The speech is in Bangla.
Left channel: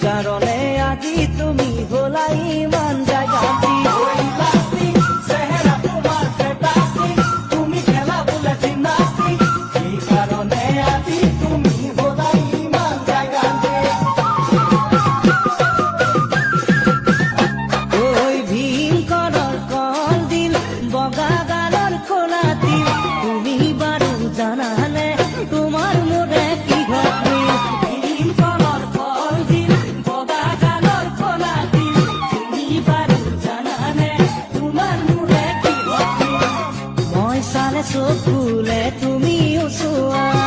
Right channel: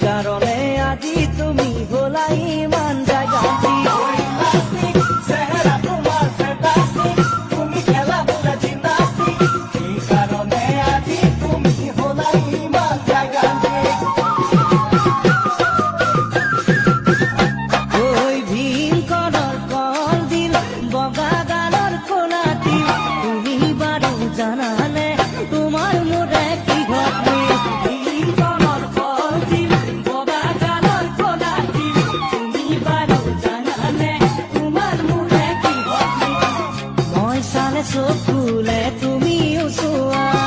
কারণে আজি তুমি হলা ইমান জাগাতি চেহারা তোমার ফ্যান্টাস্টিক তুমি খেলা বলে জিমনাস্টিক এই কারণে আজি তুমি হলা ইমান জাগাতি ওই ভীম কলর কল দিল বগা গালর কোলাতি তুমি বারু জানালে তোমার মোরে কি ঘটবে চকুলে তুমি ওচোৱা